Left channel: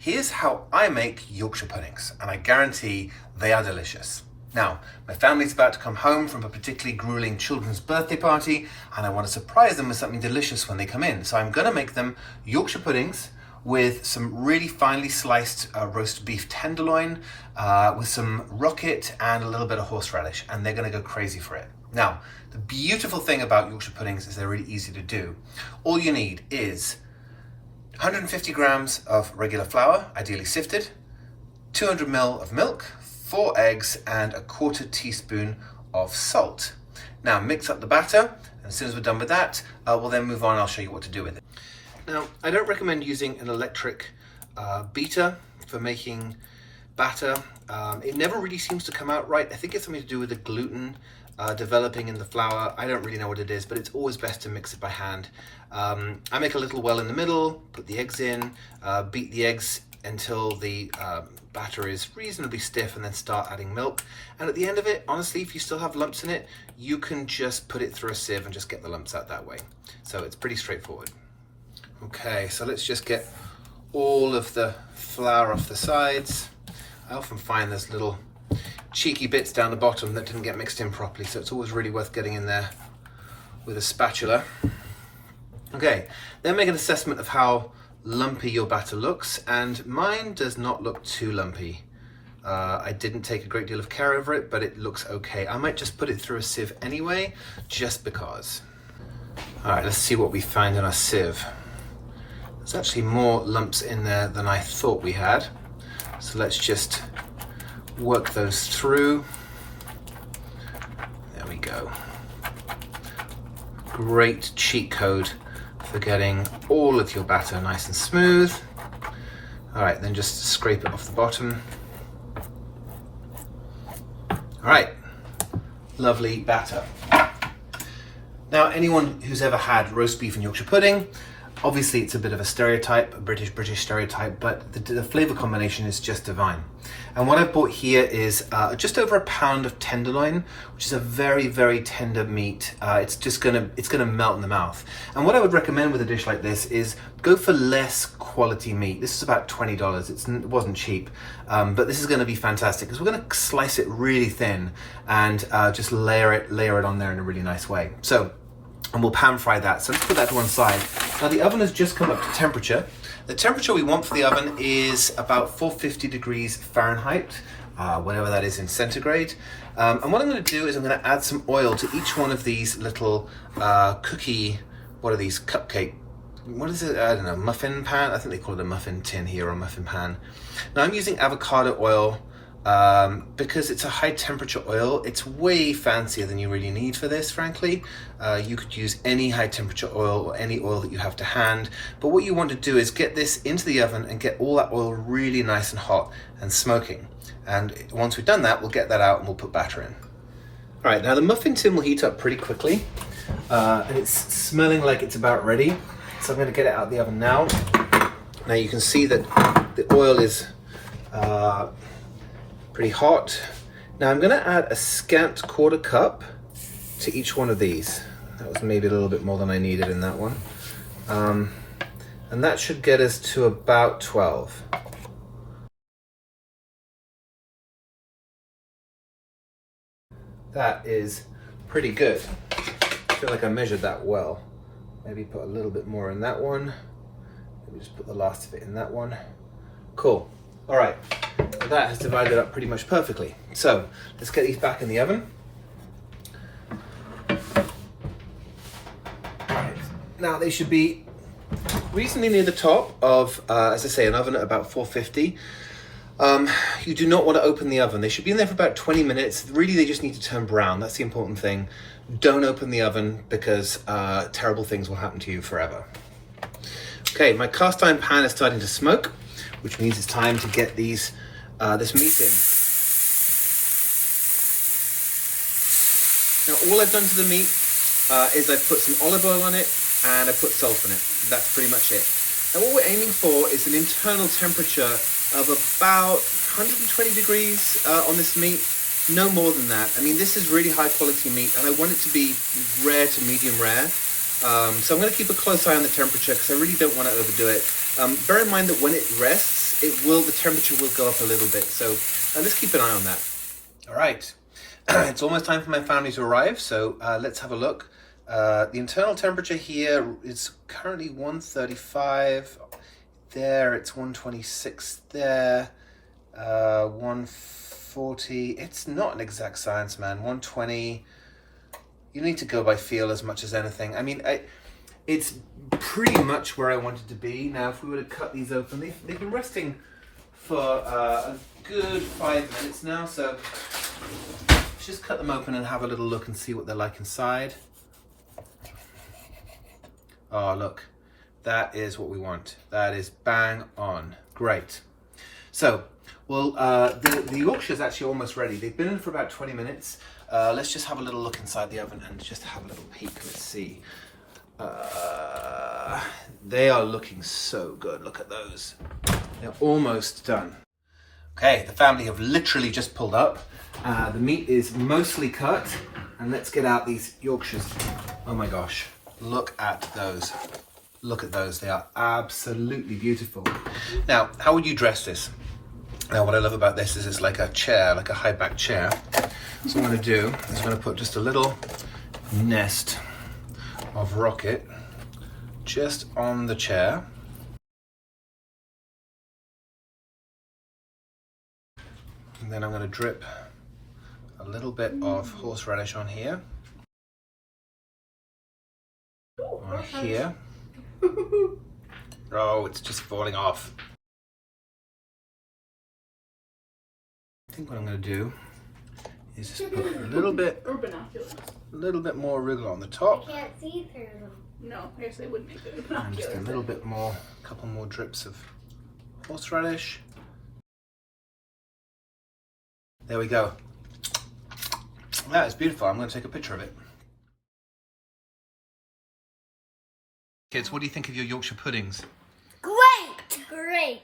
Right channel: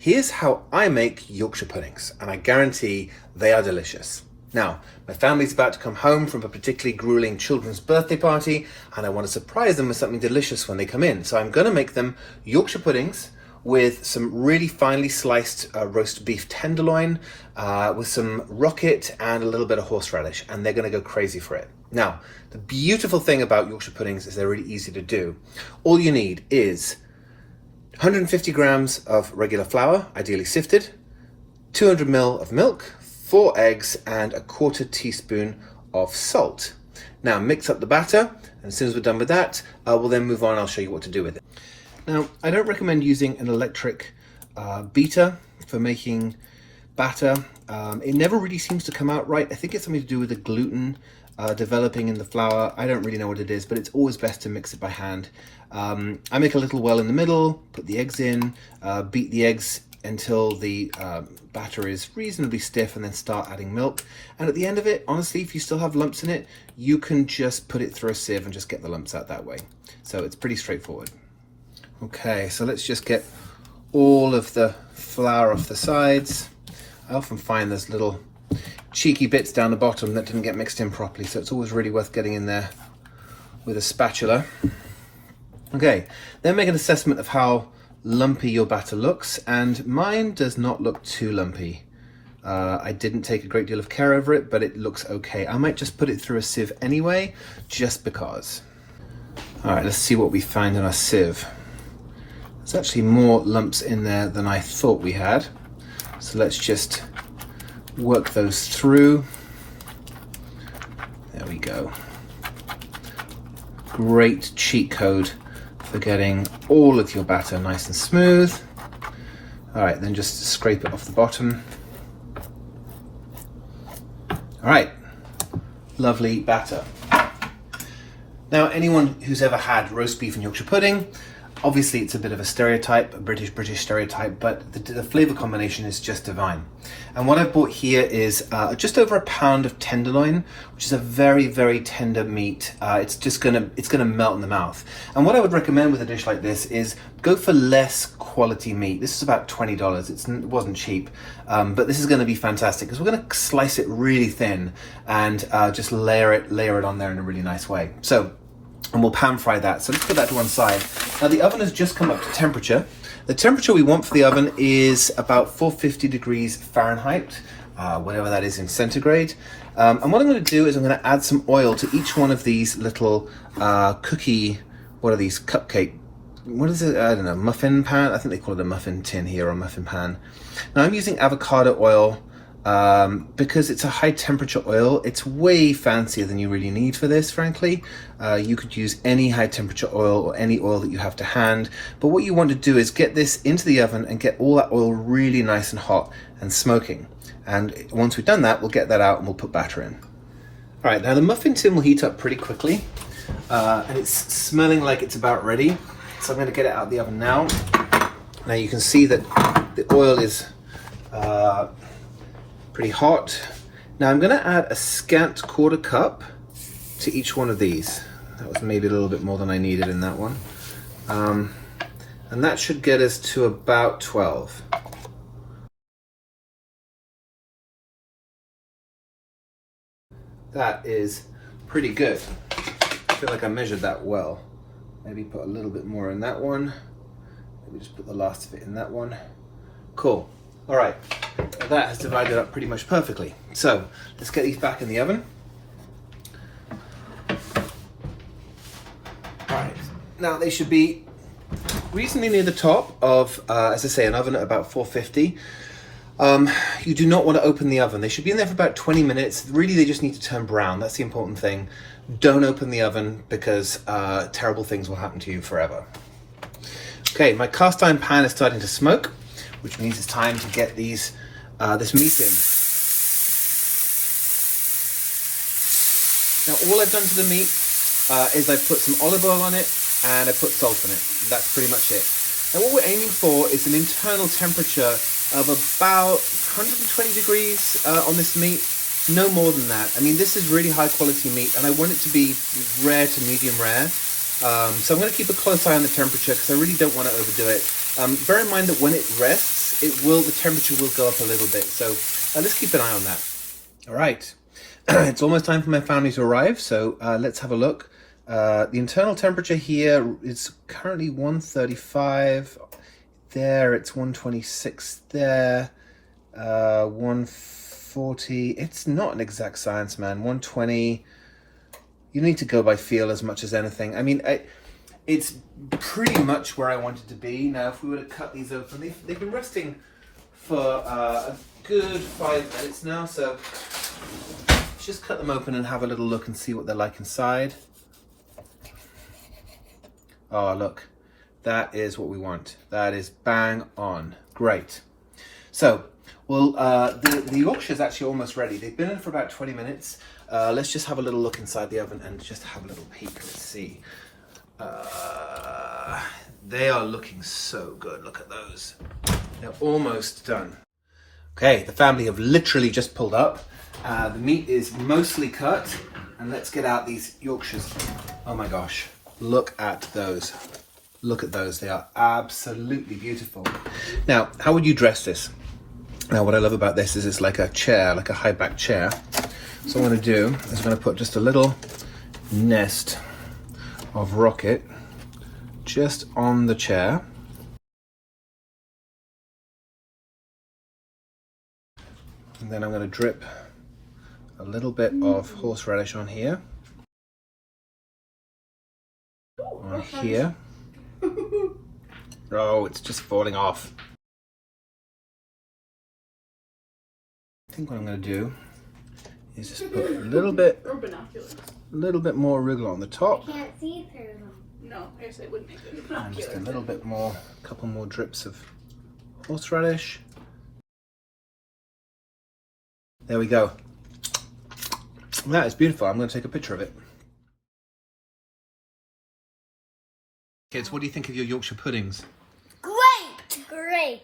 Here's how I make Yorkshire puddings, and I guarantee they are delicious. Now, my family's about to come home from a particularly grueling children's birthday party, and I want to surprise them with something delicious when they come in. So I'm going to make them Yorkshire puddings with some really finely sliced roast beef tenderloin, with some rocket and a little bit of horseradish, and they're going to go crazy for it. Now, the beautiful thing about Yorkshire puddings is they're really easy to do. All you need is 150 grams of regular flour, ideally sifted, 200 ml of milk, 4 eggs, and a quarter teaspoon of salt. Now mix up the batter, and as soon as we're done with that, we'll then move on. I'll show you what to do with it. Now, I don't recommend using an electric beater for making batter. It never really seems to come out right. I think it's something to do with the gluten developing in the flour. I don't really know what it is, but it's always best to mix it by hand. I make a little well in the middle, put the eggs in, beat the eggs until the batter is reasonably stiff, and then start adding milk. And at the end of it, honestly, if you still have lumps in it, you can just put it through a sieve and just get the lumps out that way. So it's pretty straightforward. Okay, so let's just get all of the flour off the sides. I often find there's little cheeky bits down the bottom that didn't get mixed in properly, so it's always really worth getting in there with a spatula. Okay, then make an assessment of how lumpy your batter looks, and mine does not look too lumpy. I didn't take a great deal of care over it, but it looks okay. I might just put it through a sieve anyway, just because. All right, let's see what we find in our sieve. There's actually more lumps in there than I thought we had, so let's just work those through. There we go. Great cheat code for getting all of your batter nice and smooth. All right, then just scrape it off the bottom. All right, lovely batter. Now, anyone who's ever had roast beef and Yorkshire pudding, obviously it's a bit of a stereotype, a British stereotype, but the flavor combination is just divine. And what I bought here is just over a pound of tenderloin, which is a very, very tender meat. It's gonna melt in the mouth. And what I would recommend with a dish like this is go for less quality meat. This is about $20. It wasn't cheap, but this is gonna be fantastic because we're gonna slice it really thin and just layer it on there in a really nice way. So, and we'll pan fry that. So let's put that to one side. Now the oven has just come up to temperature. The temperature we want for the oven is about 450 degrees Fahrenheit, whatever that is in centigrade. And what I'm going to do is I'm going to add some oil to each one of these little cookie, what are these, cupcake, what is it, I don't know, muffin pan? I think they call it a muffin tin here, or muffin pan. Now I'm using avocado oil because it's a high temperature oil. It's way fancier than you really need for this, frankly. You could use any high temperature oil or any oil that you have to hand, but what you want to do is get this into the oven and get all that oil really nice and hot and smoking. And once we've done that, we'll get that out and we'll put batter in. All right, now the muffin tin will heat up pretty quickly, and it's smelling like it's about ready. So I'm going to get it out of the oven now. Now you can see that the oil is pretty hot. Now I'm going to add a scant quarter cup to each one of these. That was maybe a little bit more than I needed in that one. And that should get us to about 12. That is pretty good. I feel like I measured that well. Maybe put a little bit more in that one. Maybe just put the last of it in that one. Cool. All right, that has divided up pretty much perfectly. So let's get these back in the oven. All right, now they should be reasonably near the top of, as I say, an oven at about 450. You do not want to open the oven. They should be in there for about 20 minutes. Really, they just need to turn brown. That's the important thing. Don't open the oven because terrible things will happen to you forever. Okay, my cast iron pan is starting to smoke, which means it's time to get this meat in. Now all I've done to the meat is I've put some olive oil on it and I put salt on it. That's pretty much it. And what we're aiming for is an internal temperature of about 120 degrees on this meat, no more than that. I mean, this is really high quality meat and I want it to be rare to medium rare. So I'm going to keep a close eye on the temperature because I really don't want to overdo it. Bear in mind that when it rests, the temperature will go up a little bit. So let's keep an eye on that. All right, it's almost time for my family to arrive. So let's have a look. The internal temperature here is currently 135. There, it's 126 there. 140. It's not an exact science, man. 120. You need to go by feel as much as anything. I mean, it's pretty much where I wanted to be. Now, if we were to cut these open, they've been resting for a good 5 minutes now. So let's just cut them open and have a little look and see what they're like inside. Oh, look. That is what we want. That is bang on. Great. So, well, the Yorkshire is actually almost ready. They've been in for about 20 minutes. Let's just have a little look inside the oven and just have a little peek. Let's see. They are looking so good. Look at those. They're almost done. Okay, the family have literally just pulled up. The meat is mostly cut. And let's get out these Yorkshires. Oh my gosh. Look at those. Look at those. They are absolutely beautiful. Now, how would you dress this? Now, what I love about this is it's like a chair, like a high back chair. So what I'm going to do is I'm going to put just a little nest of rocket just on the chair. And then I'm going to drip a little bit of horseradish on here. On here. Oh, it's just falling off. I think what I'm going to do is just put a little bit more arugula on the top. I can't see through them. No, I guess I would make it. And just a little bit more, a couple more drips of horseradish. There we go. That is beautiful. I'm going to take a picture of it. Kids, what do you think of your Yorkshire puddings? Great! Great!